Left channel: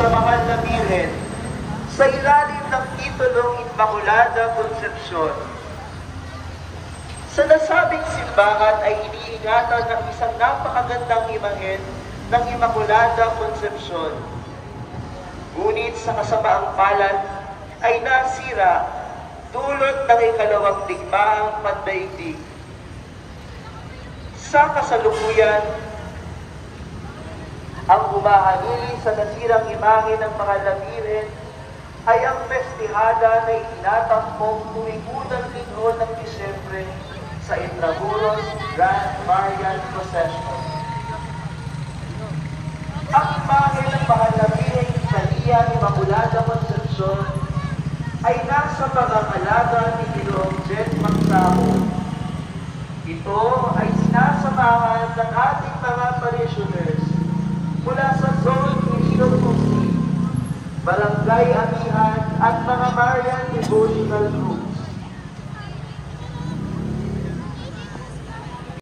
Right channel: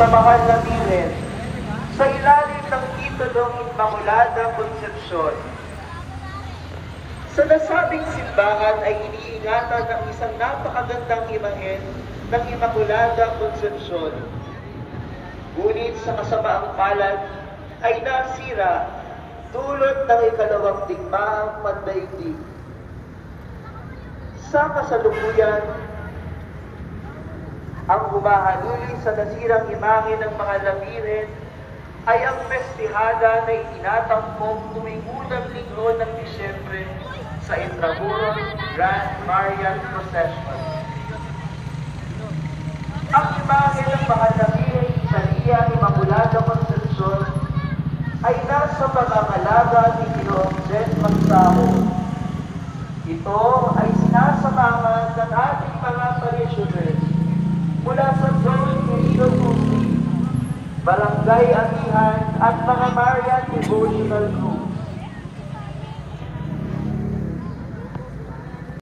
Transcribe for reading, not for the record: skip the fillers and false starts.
sa mahal na Birhen sa ilalim ng titulong Immaculada Concepcion. Sa nasabing simbahan ay iniingatan ng isang napakagandang imahen ng Immaculada Concepcion. Ngunit sa kasamaang palad ay nasira dulot ng ikalawang digmaang pandaigdig. Sa kasalukuyan, ang humahalili sa nasirang imahe ng mahal na Birhen ay ang festihada na itinatampok tuwing unang linggo ng Disyembre sa Intramuros Grand Marian Procession. Ang imahe ng mahal na Birhen Italia Immaculada Concepcion ay nasa pangangalaga ni